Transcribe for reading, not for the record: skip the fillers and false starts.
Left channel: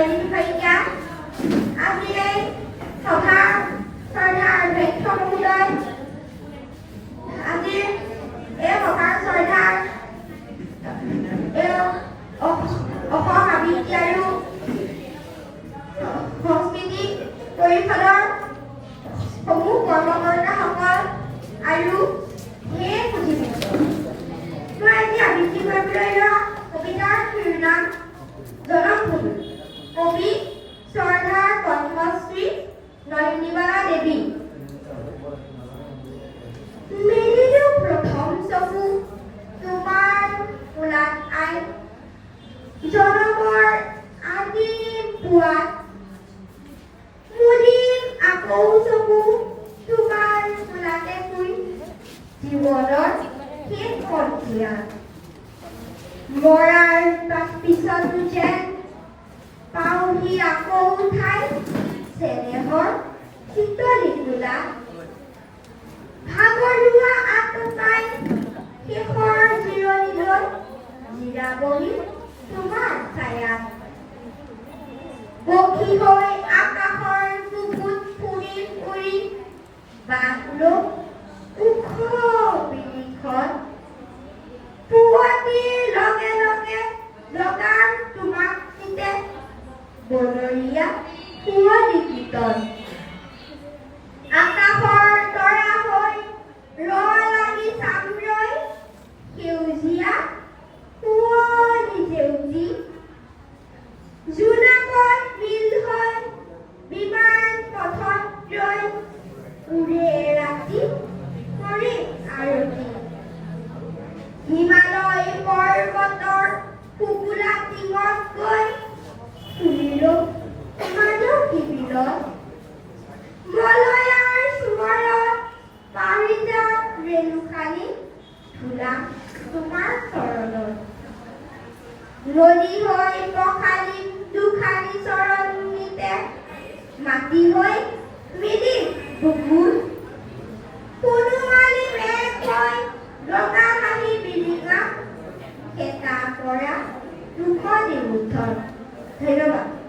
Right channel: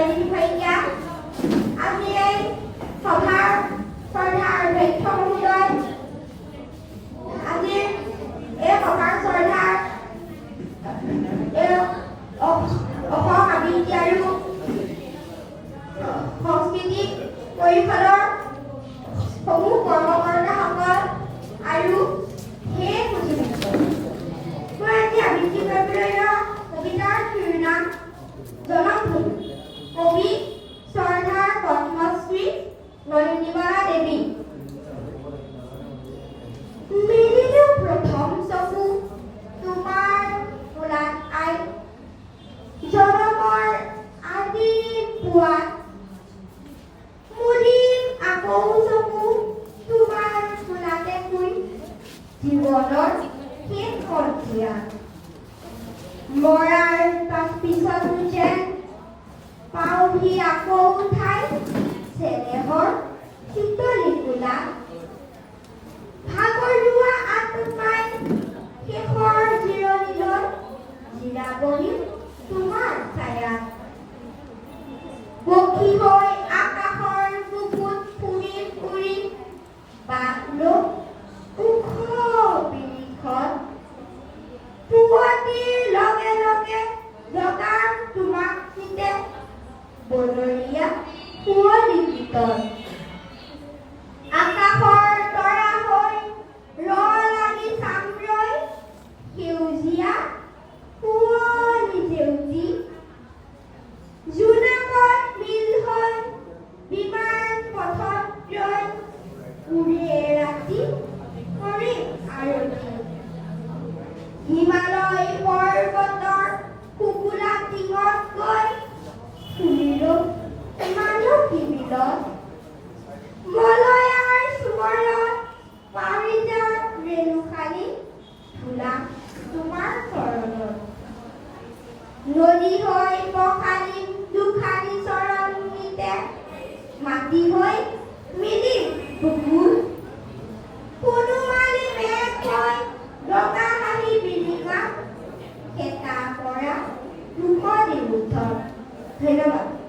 জয়দীপ শইকীয়া আজি এই সভাৰ শ্ৰদ্ধাৰ অধ্যক্ষ মহোদয় আজি এই সভাৰ শ্ৰদ্ধাৰ অসম আবৃত্তি আৰু সংস্কৃতি পৰিষদৰ সমূহ কৰ্মকৰ্তাসকল আৰু সেই মই আজি আবৃত্তি কৰিবলৈ লোৱা কবিতাৰ শিৰোনাম জনমভূমি কবি শ্ৰদ্ধাৰ পদ্মশ্ৰী নলিনীবালা দেৱী। মেলিলো প্ৰথম চকু তোমাৰ কোলাত আই জনমৰ আদি পুৱাত মুদিম আকৌ চকু তোমাৰ কোলাতে শুই জীৱনৰ শেষ সন্ধিয়া মৰাৰ পিছতো যেন পাওঁহি আকৌ ঠাই চেনেহৰ শীতলী কোলা ভাগৰুৱা আত্মাই শেষৰ জিৰণিলৈ জিৰাবহি তোমাৰ ছায়াত পক্ষী হৈ আকাশৰ বুকুত ফুৰি ফুৰি বাঘলো ওখ বিৰিখত পুৱতিৰ লগে লগে জগাম তোমাক নিতে বনৰীয়া কুঁৱলী গীতত আকাশৰ তৰা হৈ লাগি চামৰৈ সেউজীয়া কুঁৱলী জেউতি জোনাকত বিল হৈ বিমান পথত ৰৈ উৰে ৰাতি কৰে আৰতি হিমালয় পৰ্বতৰ শুকুলা টিঙত গৈ ফুৰিলো মাধৱী বিলত মলয়াৰ চুমৰত পাৰিজাত ৰেণুখানি ধূলা তোমাৰ চৰণত নদী হৈ পখালি দুখানি চৰণ নিতে মাটি হৈ মিলি বুকুৰ কোনোমালি মেঘ হৈ ৰঙা হাঁহি বিৰিঙা খেতা পৰা মুখনি উঠত। ধন্যবাদ।